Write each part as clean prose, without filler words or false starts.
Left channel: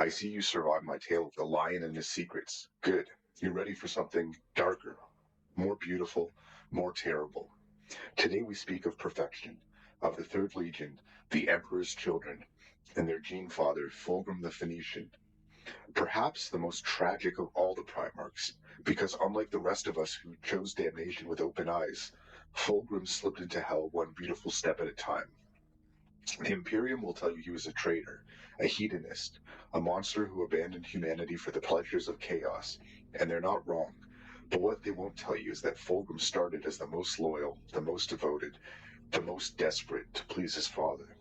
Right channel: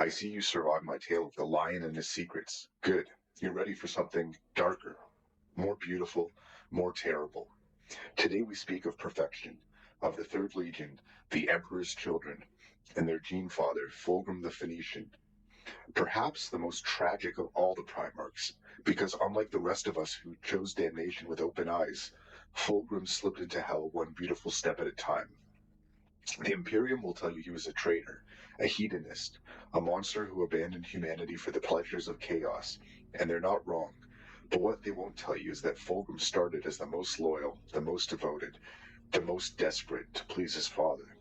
I see you survived my tale of the lion and his secrets. Good. You're ready for something darker, more beautiful, more terrible. Today we speak of perfection, of the Third Legion, the Emperor's children, and their gene father, Fulgrim the Phoenician. Perhaps the most tragic of all the Primarchs, because unlike the rest of us who chose damnation with open eyes, Fulgrim slipped into hell one beautiful step at a time. The Imperium will tell you he was a traitor, a hedonist, a monster who abandoned humanity for the pleasures of chaos, and they're not wrong. But what they won't tell you is that Fulgrim started as the most loyal, the most devoted, the most desperate to please his father.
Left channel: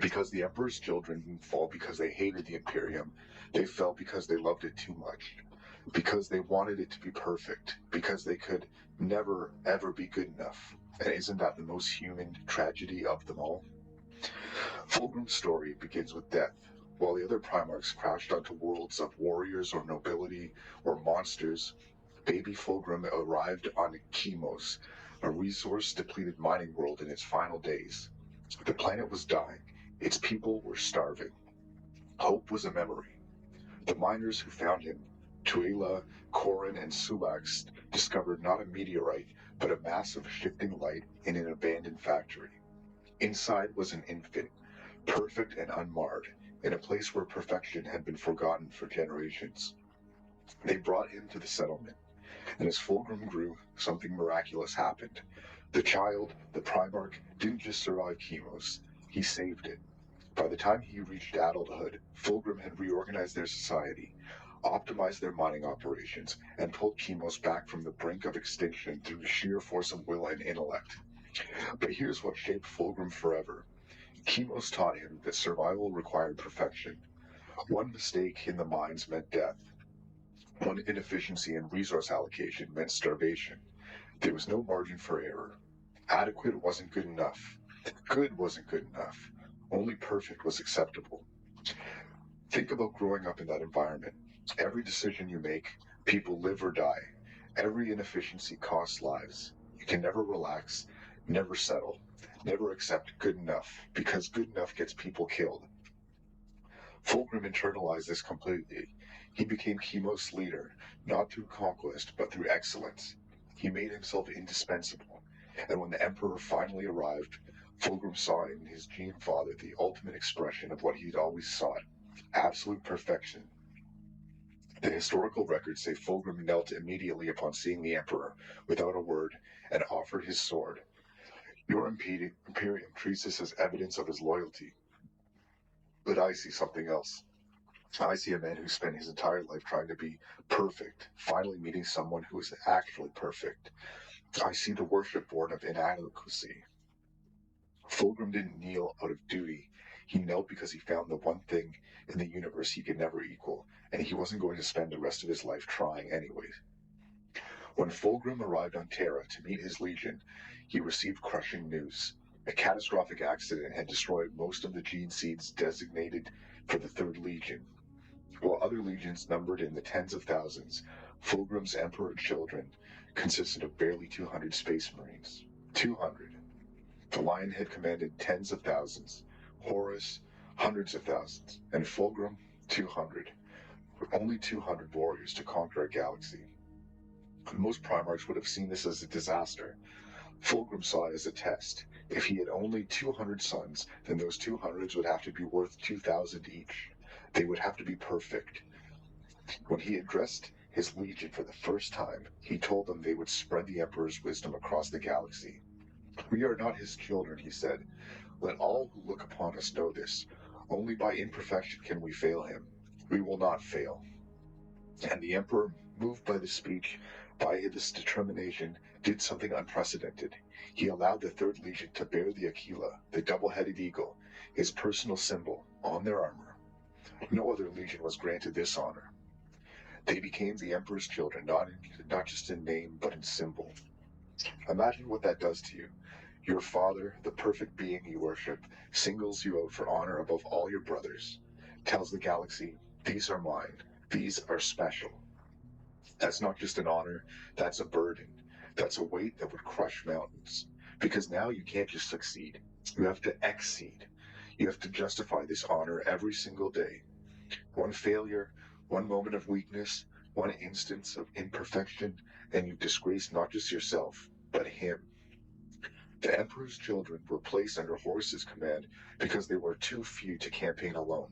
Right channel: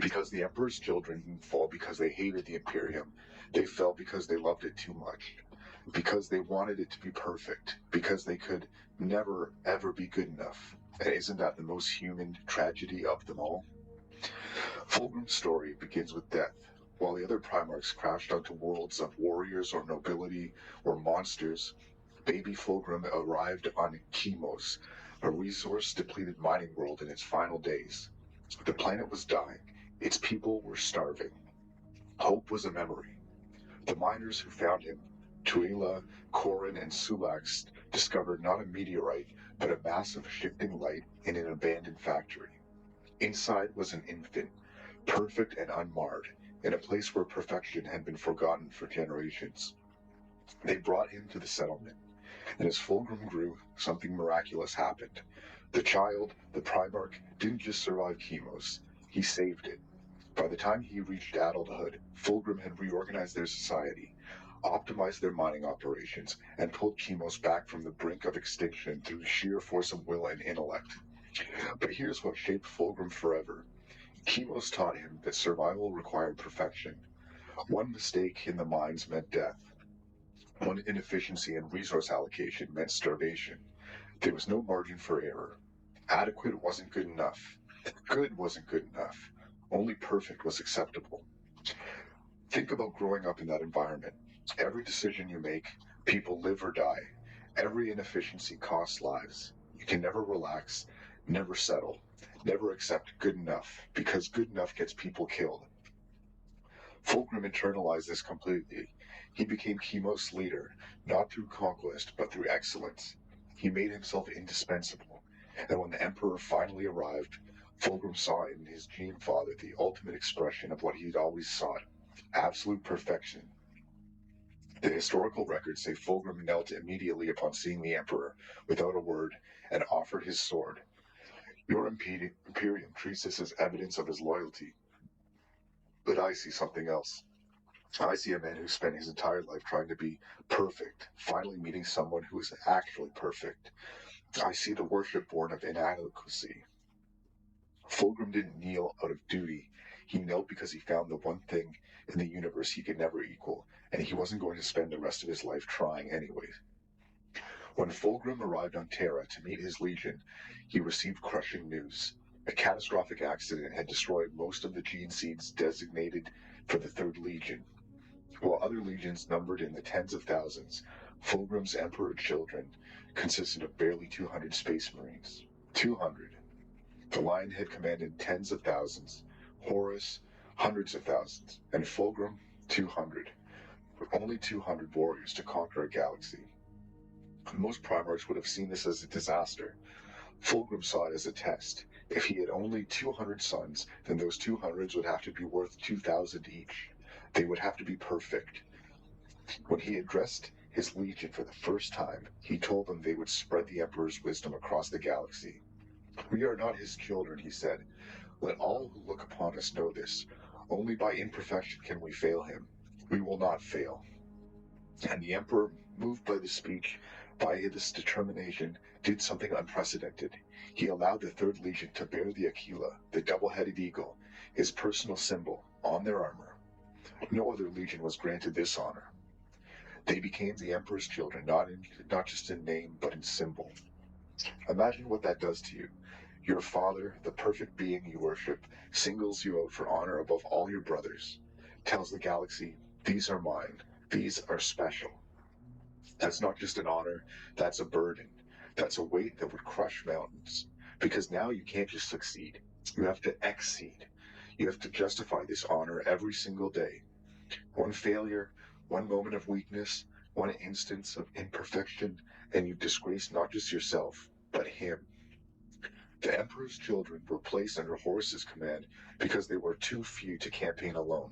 Because the Emperor's children didn't fall because they hated the Imperium, they fell because they loved it too much. Because they wanted it to be perfect. Because they could never, ever be good enough. And isn't that the most human tragedy of them all? Fulgrim's story begins with death. While the other Primarchs crashed onto worlds of warriors or nobility or monsters, baby Fulgrim arrived on Chemos, a resource-depleted mining world in its final days. The planet was dying. Its people were starving. Hope was a memory. The miners who found him, Tuila, Corin, and Sulax, discovered not a meteorite, but a mass of shifting light in an abandoned factory. Inside was an infant, perfect and unmarred, in a place where perfection had been forgotten for generations. They brought him to the settlement, and as Fulgrim grew, something miraculous happened. The child, the Primarch, didn't just survive Chemos, he saved it. By the time he reached adulthood, Fulgrim had reorganized their society, optimized their mining operations, and pulled Chemos back from the brink of extinction through the sheer force of will and intellect. But here's what shaped Fulgrim forever. Chemos taught him that survival required perfection. One mistake in the mines meant death. One inefficiency in resource allocation meant starvation. There was no margin for error. Adequate wasn't good enough. Good wasn't good enough. Only perfect was acceptable. Think about growing up in that environment. Every decision you make, people live or die. Every inefficiency costs lives. You can never relax, never settle, never accept good enough, because good enough gets people killed. Fulgrim internalized this completely. He became Chemos' leader, not through conquest, but through excellence. He made himself indispensable, and when the Emperor finally arrived, Fulgrim saw in his gene father the ultimate expression of what he'd always sought, absolute perfection. The historical records say Fulgrim knelt immediately upon seeing the Emperor, without a word, and offered his sword. Your Imperium treats this as evidence of his loyalty, but I see something else. I see a man who spent his entire life trying to be perfect, finally meeting someone who is actually perfect. I see the worship born of inadequacy. Fulgrim didn't kneel out of duty. He knelt because he found the one thing in the universe he could never equal, and he wasn't going to spend the rest of his life trying anyway. When Fulgrim arrived on Terra to meet his legion, he received crushing news. A catastrophic accident had destroyed most of the gene seeds designated for the Third Legion. While other legions numbered in the tens of thousands, Fulgrim's Emperor children consisted of barely 200 space marines. 200. The Lion had commanded tens of thousands, Horus hundreds of thousands, and Fulgrim 200. With only 200 warriors to conquer a galaxy. Most Primarchs would have seen this as a disaster. Fulgrim saw it as a test. If he had only 200 sons, then those 200s would have to be worth 2,000 each. They would have to be perfect. When he addressed his legion for the first time, he told them they would spread the Emperor's wisdom across the galaxy. We are not his children, he said. Let all who look upon us know this. Only by imperfection can we fail him. We will not fail. And the Emperor, moved by this speech, by this determination, did something unprecedented. He allowed the Third Legion to bear the Aquila, the double-headed eagle, his personal symbol, on their armor. No other legion was granted this honor. They became the Emperor's children, not just in name, but in symbol. Imagine what that does to you. Your father, the perfect being you worship, singles you out for honor above all your brothers, tells the galaxy, these are mine, these are special. That's not just an honor, that's a burden. That's a weight that would crush mountains. Because now you can't just succeed. You have to exceed. You have to justify this honor every single day. One failure, one moment of weakness, one instance of imperfection, and you've disgraced not just yourself, but him. The Emperor's children were placed under Horus's command because they were too few to campaign alone.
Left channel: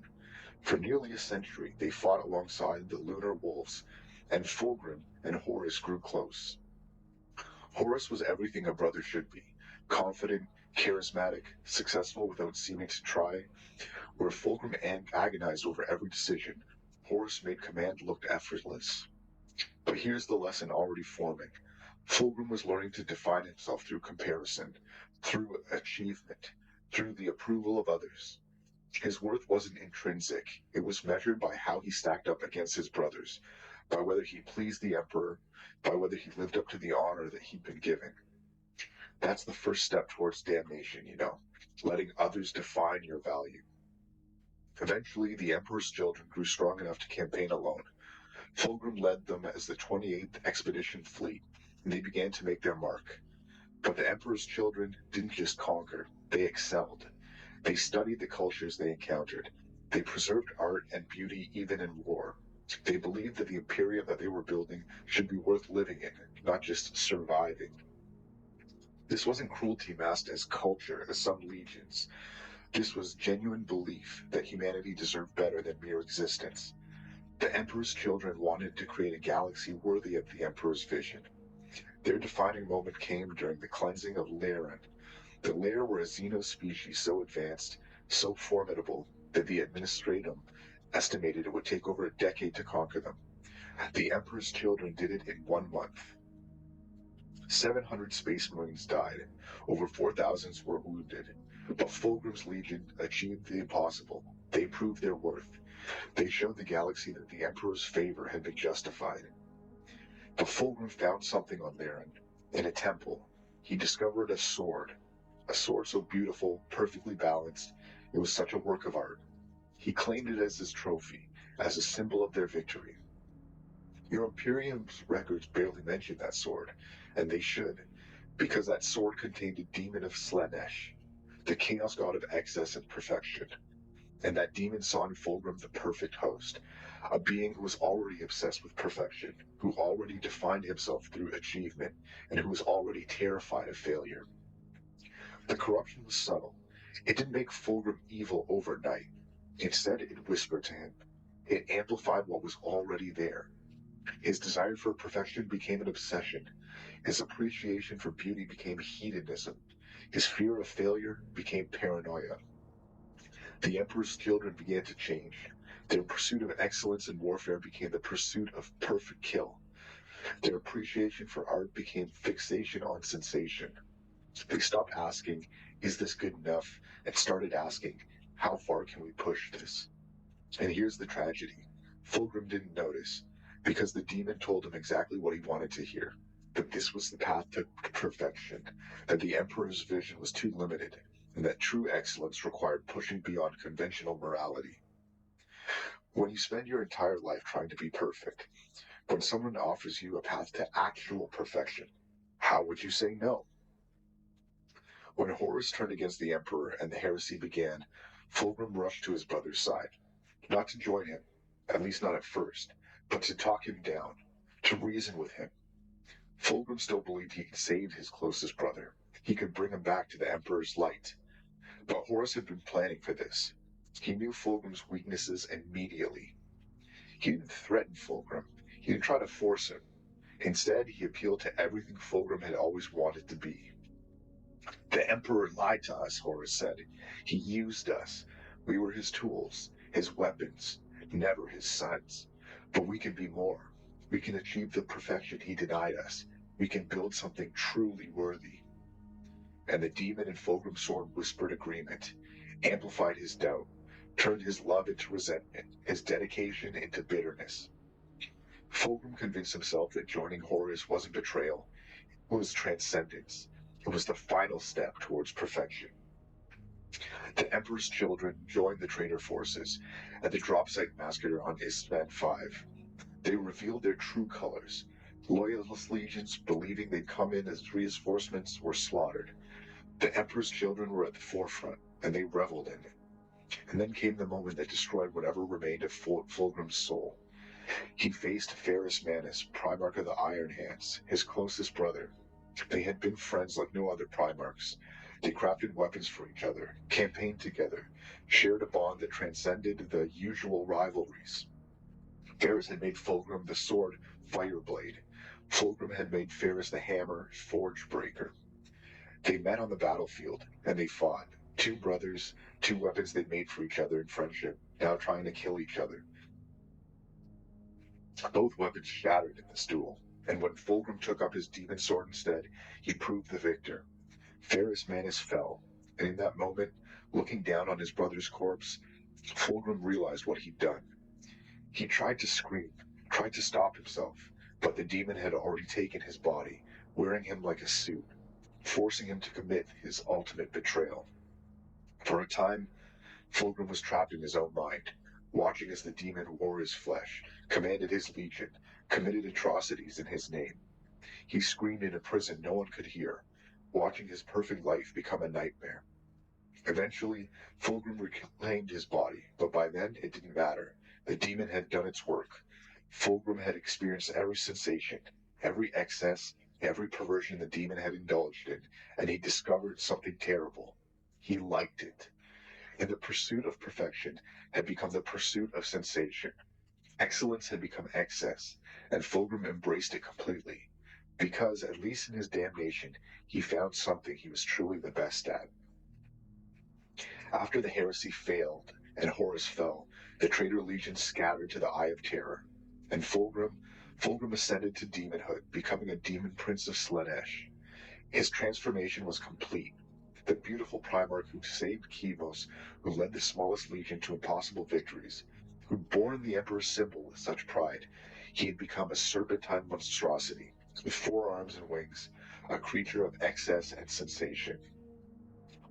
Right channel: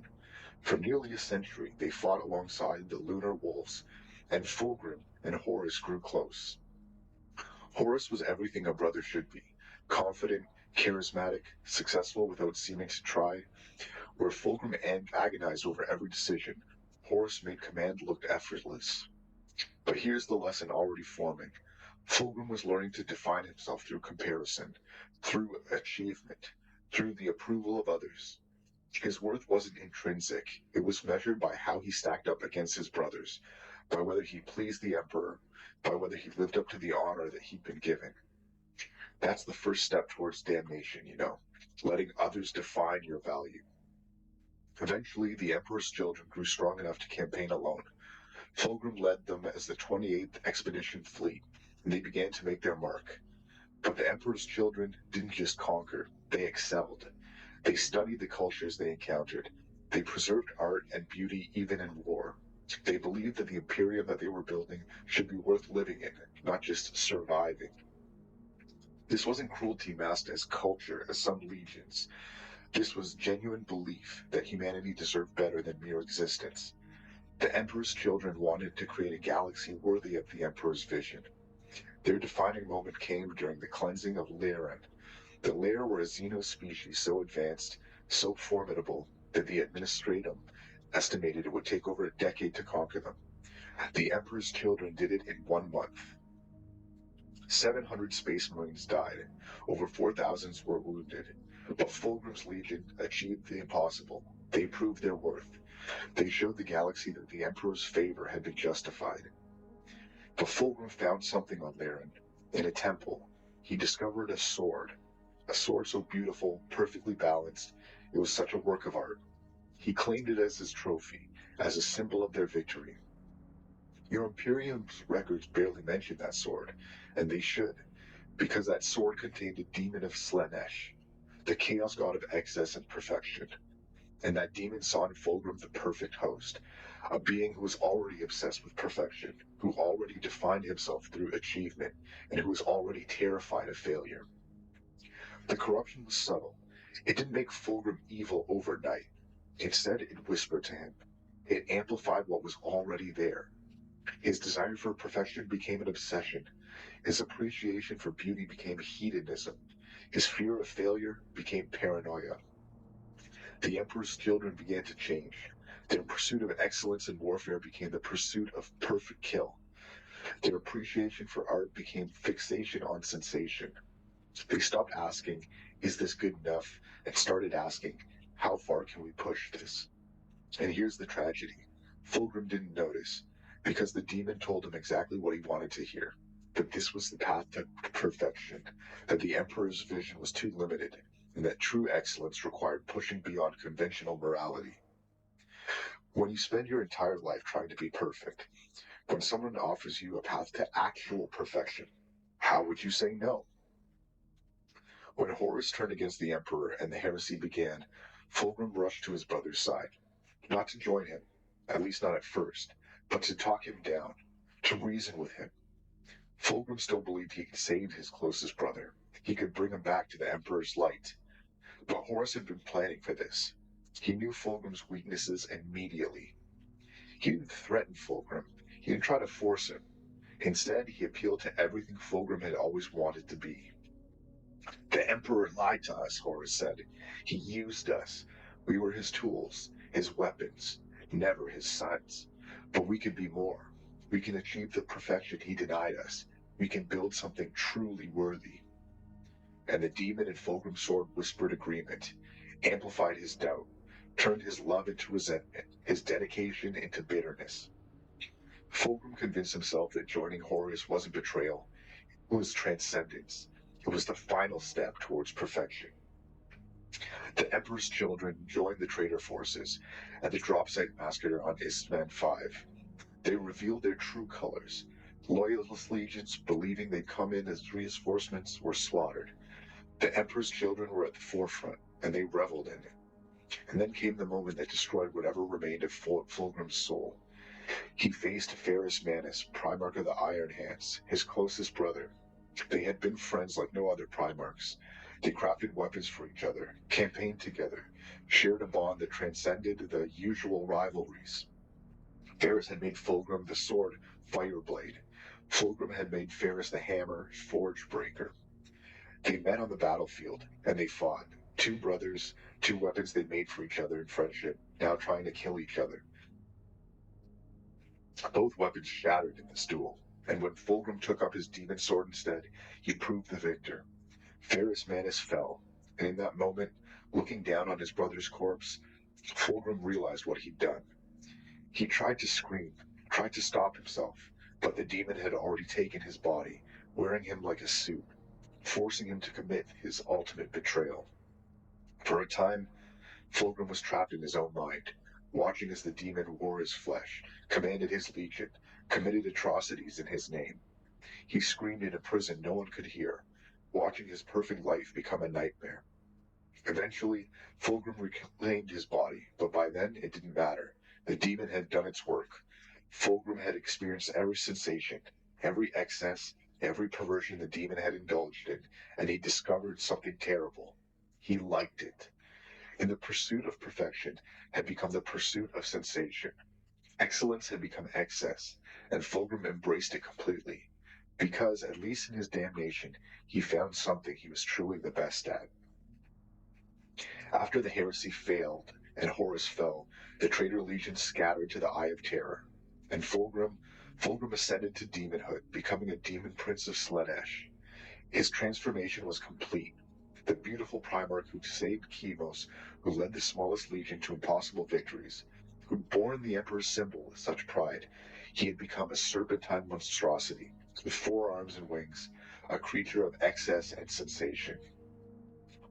For nearly a century, they fought alongside the Lunar Wolves, and Fulgrim and Horus grew close. Horus was everything a brother should be: confident, charismatic, successful without seeming to try. Where Fulgrim agonized over every decision, Horus made command look effortless. But here's the lesson already forming. Fulgrim was learning to define himself through comparison, through achievement, through the approval of others. His worth wasn't intrinsic, it was measured by how he stacked up against his brothers, by whether he pleased the Emperor, by whether he lived up to the honor that he'd been given. That's the first step towards damnation, letting others define your value. Eventually, the Emperor's children grew strong enough to campaign alone. Fulgrim led them as the 28th Expedition Fleet, and they began to make their mark. But the Emperor's children didn't just conquer, they excelled. They studied the cultures they encountered. They preserved art and beauty even in war. They believed that the Imperium that they were building should be worth living in, not just surviving. This wasn't cruelty masked as culture, as some legions. This was genuine belief that humanity deserved better than mere existence. The Emperor's children wanted to create a galaxy worthy of the Emperor's vision. Their defining moment came during the cleansing of Laer. The Laer were a xeno-species so advanced, so formidable, that the Administratum estimated it would take over a decade to conquer them. The Emperor's children did it in 1 month. 700 Space Marines died, over 4,000 were wounded, but Fulgrim's Legion achieved the impossible. They proved their worth. They showed the galaxy that the Emperor's favor had been justified. But Fulgrim found something on Laer. In a temple, he discovered a sword so beautiful, perfectly balanced, it was such a work of art. He claimed it as his trophy, as a symbol of their victory. Your Imperium's records barely mention that sword, and they should, because that sword contained a demon of Slaanesh, the chaos god of excess and perfection. And that demon saw in Fulgrim the perfect host, a being who was already obsessed with perfection, who already defined himself through achievement, and who was already terrified of failure. The corruption was subtle. It didn't make Fulgrim evil overnight. Instead, it whispered to him. It amplified what was already there. His desire for perfection became an obsession. His appreciation for beauty became hedonism. His fear of failure became paranoia. The Emperor's children began to change. Their pursuit of excellence in warfare became the pursuit of perfect kill. Their appreciation for art became fixation on sensation. They stopped asking, is this good enough? And started asking, how far can we push this? And here's the tragedy. Fulgrim didn't notice, because the demon told him exactly what he wanted to hear. That this was the path to perfection, that the Emperor's vision was too limited, and that true excellence required pushing beyond conventional morality. When you spend your entire life trying to be perfect, when someone offers you a path to actual perfection, how would you say no? When Horus turned against the Emperor and the heresy began, Fulgrim rushed to his brother's side, not to join him, at least not at first, but to talk him down, to reason with him. Fulgrim still believed he could save his closest brother. He could bring him back to the Emperor's light. But Horus had been planning for this. He knew Fulgrim's weaknesses immediately. He didn't threaten Fulgrim. He didn't try to force him. Instead, he appealed to everything Fulgrim had always wanted to be. The Emperor lied to us, Horus said. He used us. We were his tools, his weapons, never his sons. But we can be more. We can achieve the perfection he denied us. We can build something truly worthy. And the demon in Fulgrim's sword whispered agreement, amplified his doubt, turned his love into resentment, his dedication into bitterness. Fulgrim convinced himself that joining Horus wasn't betrayal. It was transcendence. It was the final step towards perfection. The Emperor's children joined the traitor forces at the drop site massacre on Isstvan V. They revealed their true colors. Loyalist legions, believing they'd come in as reinforcements, were slaughtered. The Emperor's children were at the forefront, and they reveled in it. And then came the moment that destroyed whatever remained of Fulgrim's soul. He faced Horus Manus, Primarch of the Iron Hands, his closest brother. They had been friends like no other Primarchs. They crafted weapons for each other, campaigned together, shared a bond that transcended the usual rivalries. Horus had made Fulgrim the sword Fireblade. Fulgrim had made Horus the hammer Forge Breaker. They met on the battlefield, and they fought. Two brothers, two weapons they made for each other in friendship, now trying to kill each other. Both weapons shattered in this duel, and when Fulgrim took up his demon sword instead, he proved the victor. Horus Manus fell, and in that moment, looking down on his brother's corpse, Fulgrim realized what he'd done. He tried to scream, tried to stop himself, but the demon had already taken his body, wearing him like a suit, forcing him to commit his ultimate betrayal. For a time, Fulgrim was trapped in his own mind, watching as the demon wore his flesh, commanded his legion, committed atrocities in his name. He screamed in a prison no one could hear, watching his perfect life become a nightmare. Eventually, Fulgrim reclaimed his body, but by then it didn't matter. The demon had done its work. Fulgrim had experienced every sensation, every excess, every perversion the demon had indulged in, and he discovered something terrible. He liked it. And the pursuit of perfection had become the pursuit of sensation. Excellence had become excess, and Fulgrim embraced it completely, because, at least in his damnation, he found something he was truly the best at. After the heresy failed and Horus fell, the traitor legion scattered to the Eye of Terror, and Fulgrim ascended to demonhood, becoming a demon prince of Slaanesh. His transformation was complete. The beautiful Primarch who saved Chemos, who led the smallest legion to impossible victories, who'd borne the Emperor's symbol with such pride, he had become a serpentine monstrosity, with 4 arms and wings, a creature of excess and sensation.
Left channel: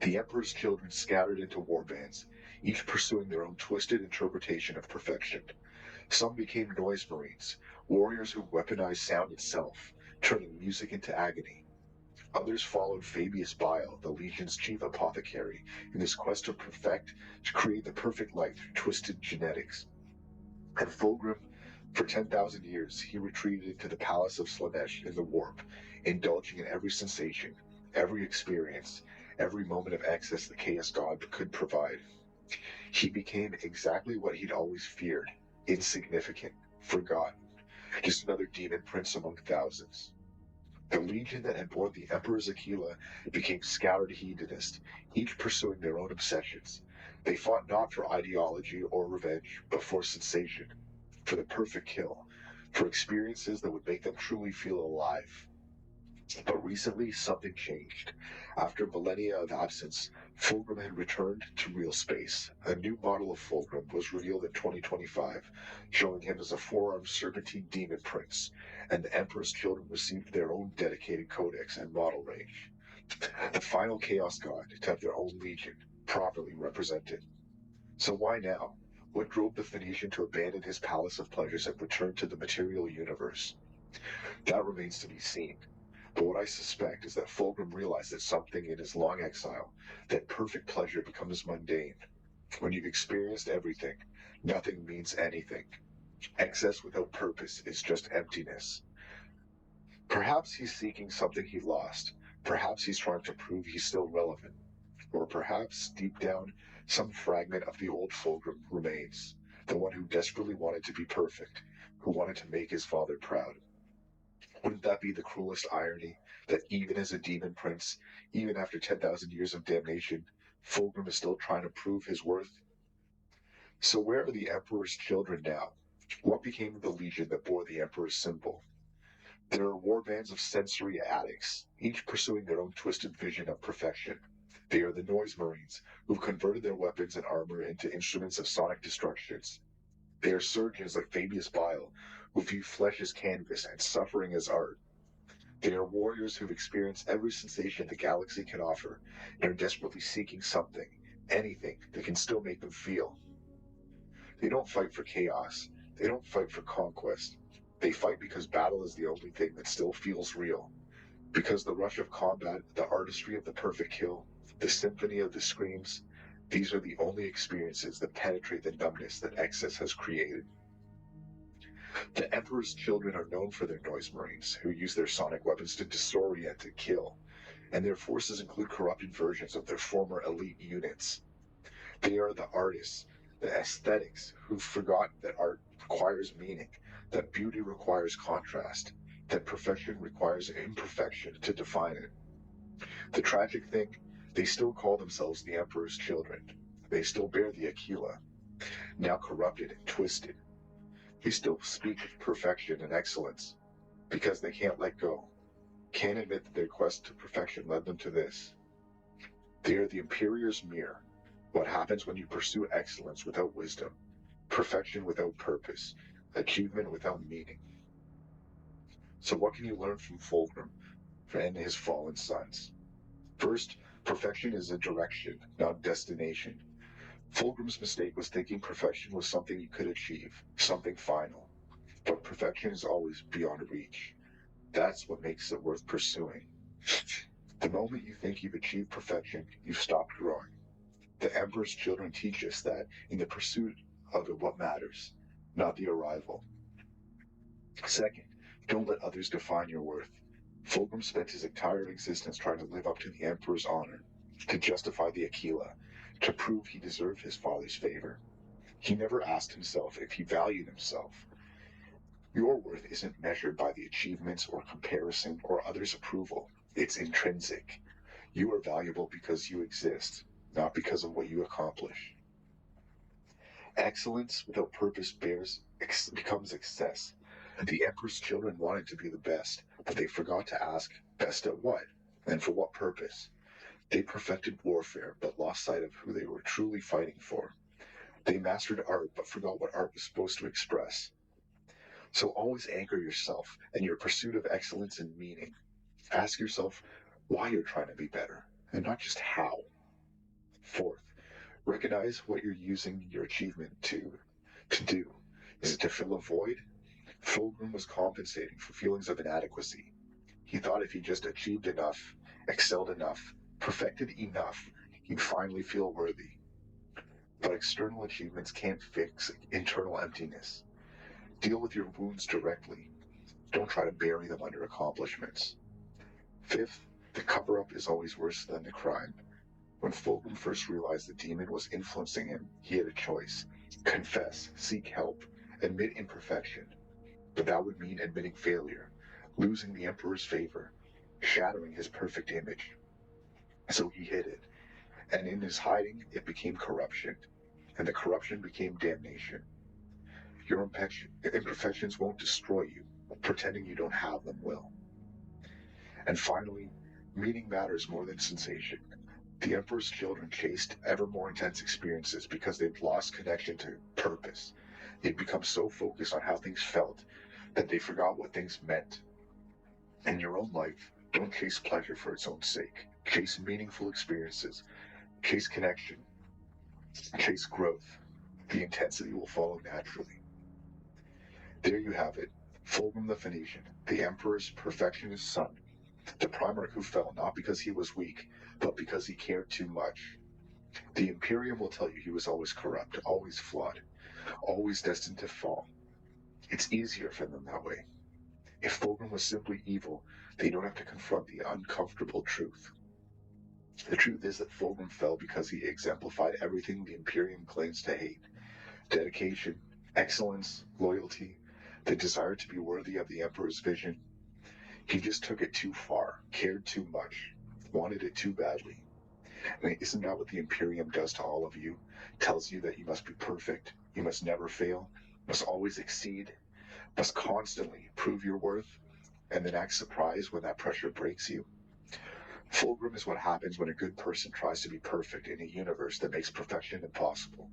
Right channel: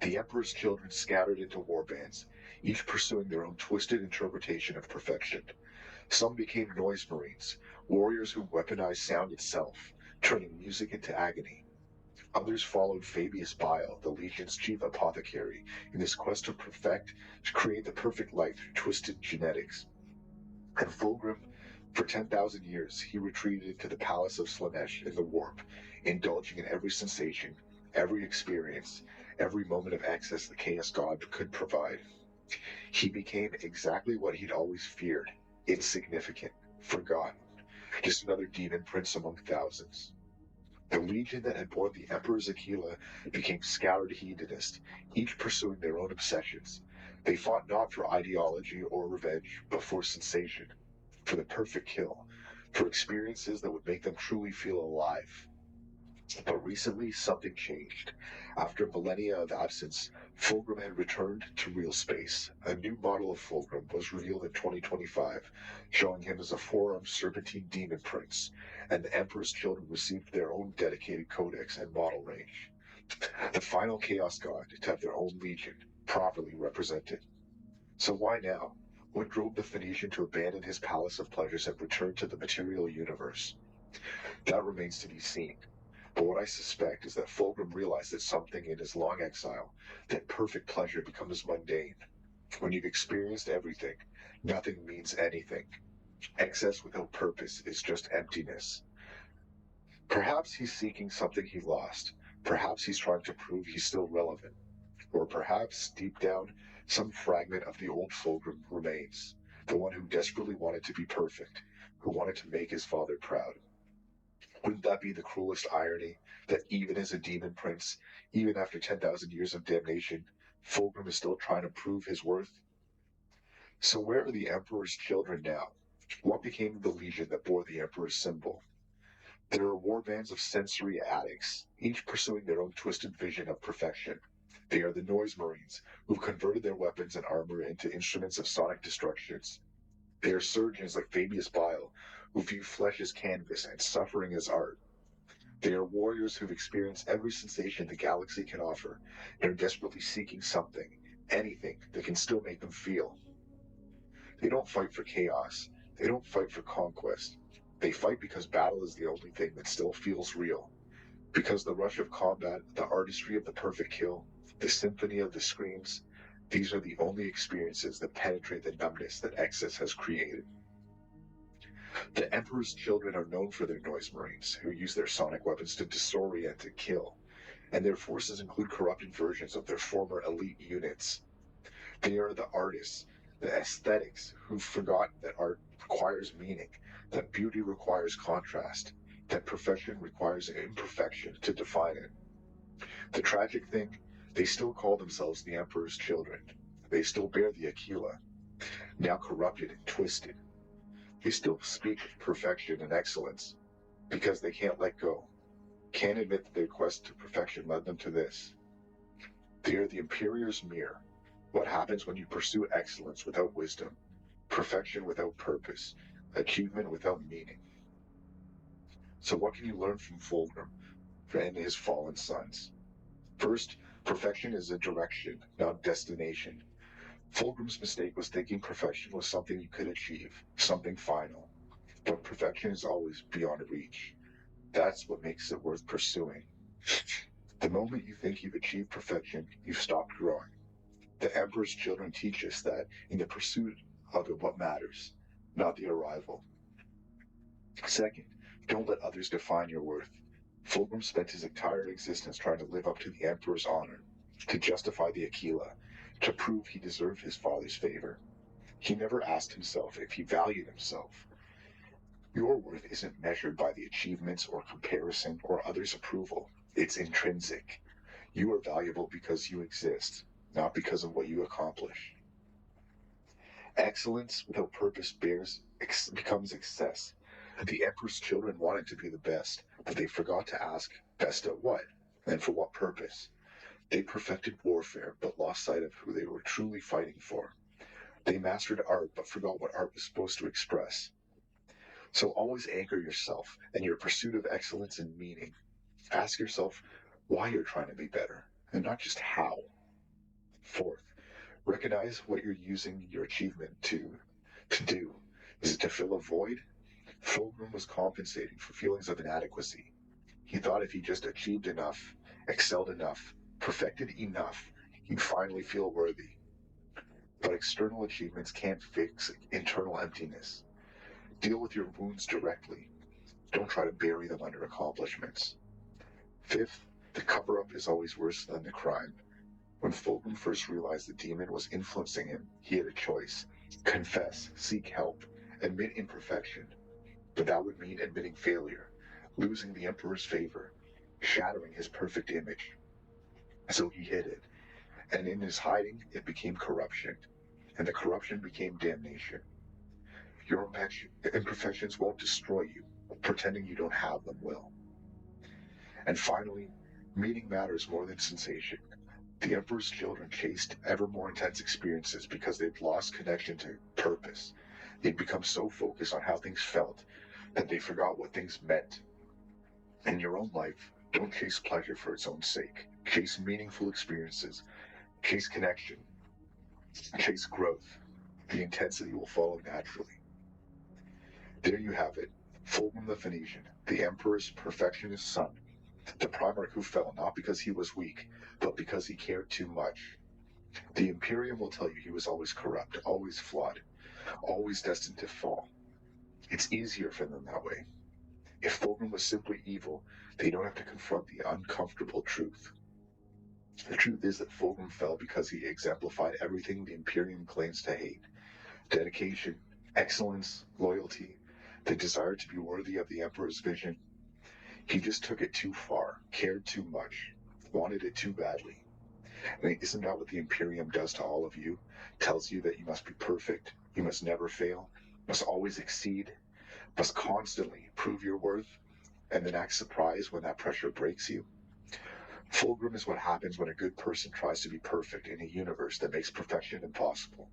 The Emperor's children scattered into warbands, each pursuing their own twisted interpretation of perfection. Some became noise marines, warriors who weaponized sound itself, turning music into agony. Others followed Fabius Bile, the Legion's chief apothecary, in his quest to create the perfect life through twisted genetics. And Fulgrim, for 10,000 years, he retreated to the palace of Slaanesh in the warp, indulging in every sensation, every experience, every moment of excess the Chaos God could provide. He became exactly what he'd always feared: insignificant, forgotten, just another demon prince among thousands. The legion that had borne the Emperor's Aquila became scattered hedonists, each pursuing their own obsessions. They fought not for ideology or revenge, but for sensation, for the perfect kill, for experiences that would make them truly feel alive. But recently, something changed. After millennia of absence, Fulgrim had returned to real space. A new model of Fulgrim was revealed in 2025, showing him as a 4-armed serpentine demon prince, and the Emperor's children received their own dedicated codex and model range. The final Chaos God to have their own legion, properly represented. So why now? What drove the Phoenician to abandon his palace of pleasures and return to the material universe? That remains to be seen. But what I suspect is that Fulgrim realized that something in his long exile, that perfect pleasure becomes mundane. When you've experienced everything, nothing means anything. Excess without purpose is just emptiness. Perhaps he's seeking something he lost. Perhaps he's trying to prove he's still relevant. Or perhaps, deep down, some fragment of the old Fulgrim remains. The one who desperately wanted to be perfect, who wanted to make his father proud. Wouldn't that be the cruelest irony, that even as a demon prince, even after 10,000 years of damnation, Fulgrim is still trying to prove his worth? So where are the Emperor's children now? What became of the legion that bore the Emperor's symbol? There are warbands of sensory addicts, each pursuing their own twisted vision of perfection. They are the Noise Marines, who've converted their weapons and armor into instruments of sonic destructions. They are surgeons like Fabius Bile, who view flesh as canvas and suffering as art. They are warriors who've experienced every sensation the galaxy can offer, and are desperately seeking something, anything, that can still make them feel. They don't fight for chaos. They don't fight for conquest. They fight because battle is the only thing that still feels real. Because the rush of combat, the artistry of the perfect kill, the symphony of the screams, These are the only experiences that penetrate the numbness that excess has created. The Emperor's children are known for their noise marines, who use their sonic weapons to disorient and kill, and their forces include corrupted versions of their former elite units. They are the artists, the aesthetics, who've forgotten that art requires meaning, that beauty requires contrast, that perfection requires imperfection to define it. The tragic thing, they still call themselves the Emperor's children. They still bear the Aquila, now corrupted and twisted. They still speak of perfection and excellence, because they can't let go, can't admit that their quest to perfection led them to this. They are the Imperior's mirror, what happens when you pursue excellence without wisdom, perfection without purpose, achievement without meaning. So what can you learn from Fulgrim and his fallen sons? First, perfection is a direction, not a destination. Fulgrim's mistake was thinking perfection was something you could achieve, something final. But perfection is always beyond reach. That's what makes it worth pursuing. The moment you think you've achieved perfection, you've stopped growing. The Emperor's children teach us that in the pursuit of it, what matters, not the arrival. Second, don't let others define your worth. Fulgrim spent his entire existence trying to live up to the Emperor's honor, to justify the Aquila, to prove he deserved his father's favor. He never asked himself if he valued himself. Your worth isn't measured by the achievements or comparison or others' approval. It's intrinsic. You are valuable because you exist, not because of what you accomplish. Excellence without purpose becomes excess. The Emperor's children wanted to be the best, but they forgot to ask, best at what? And for what purpose? They perfected warfare, but lost sight of who they were truly fighting for. They mastered art, but forgot what art was supposed to express. So always anchor yourself in your pursuit of excellence and meaning. Ask yourself why you're trying to be better, and not just how. Fourth, recognize what you're using your achievement to do. Is it to fill a void? Fulgrim was compensating for feelings of inadequacy. He thought if he just achieved enough, excelled enough, perfected enough, he'd finally feel worthy. But external achievements can't fix internal emptiness. Deal with your wounds directly. Don't try to bury them under accomplishments. Fifth, the cover-up is always worse than the crime. When Fulgrim first realized the demon was influencing him, he had a choice. Confess, seek help, admit imperfection. But that would mean admitting failure, losing the Emperor's favor, shattering his perfect image. So he hid it, and in his hiding, it became corruption, and the corruption became damnation. Your imperfections won't destroy you, pretending you don't have them will. And finally, meaning matters more than sensation. The Emperor's children chased ever more intense experiences because they'd lost connection to purpose. They'd become so focused on how things felt that they forgot what things meant. In your own life, don't chase pleasure for its own sake. Chase meaningful experiences. Chase connection. Chase growth. The intensity will follow naturally. There you have it. Fulgrim the Phoenician, the Emperor's perfectionist son. The Primarch who fell not because he was weak, but because he cared too much. The Imperium will tell you he was always corrupt, always flawed, always destined to fall. It's easier for them that way. If Fulgrim was simply evil, they don't have to confront the uncomfortable truth. The truth is that Fulgrim fell because he exemplified everything the Imperium claims to hate. Dedication, excellence, loyalty, the desire to be worthy of the Emperor's vision. He just took it too far, cared too much, wanted it too badly. I mean, isn't that what the Imperium does to all of you? Tells you that you must be perfect, you must never fail, must always exceed, must constantly prove your worth, and then act surprised when that pressure breaks you? Fulgrim is what happens when a good person tries to be perfect in a universe that makes perfection impossible.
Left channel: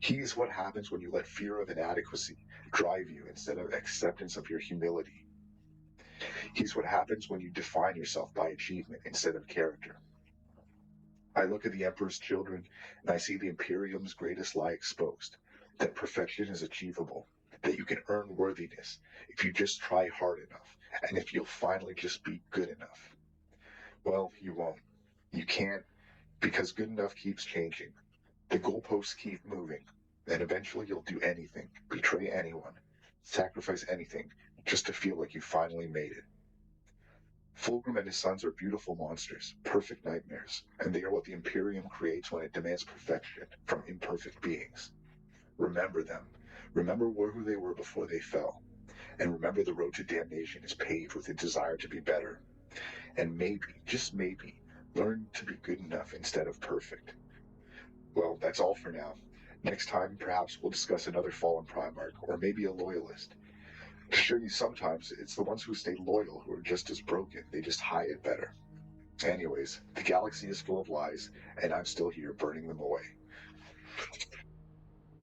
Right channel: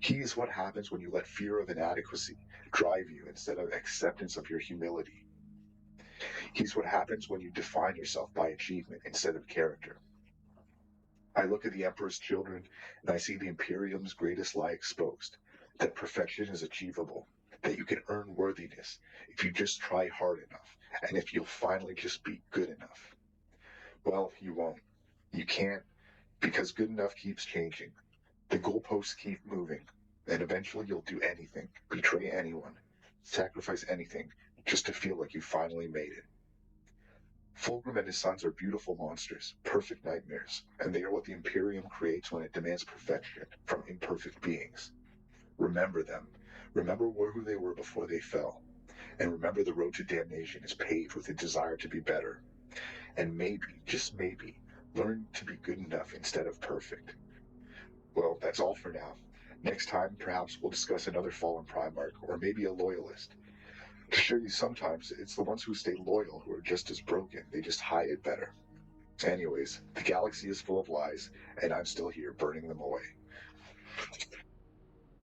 He is what happens when you let fear of inadequacy drive you instead of acceptance of your humility. He's what happens when you define yourself by achievement instead of character. I look at the Emperor's children, and I see the Imperium's greatest lie exposed, that perfection is achievable, that you can earn worthiness if you just try hard enough, and if you'll finally just be good enough. Well, you won't. You can't, Because good enough keeps changing. The goalposts keep moving. And eventually you'll do anything, betray anyone, sacrifice anything, just to feel like you finally made it. Fulgrim and his sons are beautiful monsters, perfect nightmares, and they are what the Imperium creates when it demands perfection from imperfect beings. Remember them. Remember who they were before they fell. And remember the road to damnation is paved with a desire to be better. And maybe, just maybe, learn to be good enough instead of perfect. Well, that's all for now. Next time, perhaps we'll discuss another fallen Primarch, or maybe a loyalist. To show you sometimes, it's the ones who stay loyal who are just as broken, they just hide it better. Anyways, the galaxy is full of lies, and I'm still here burning them away.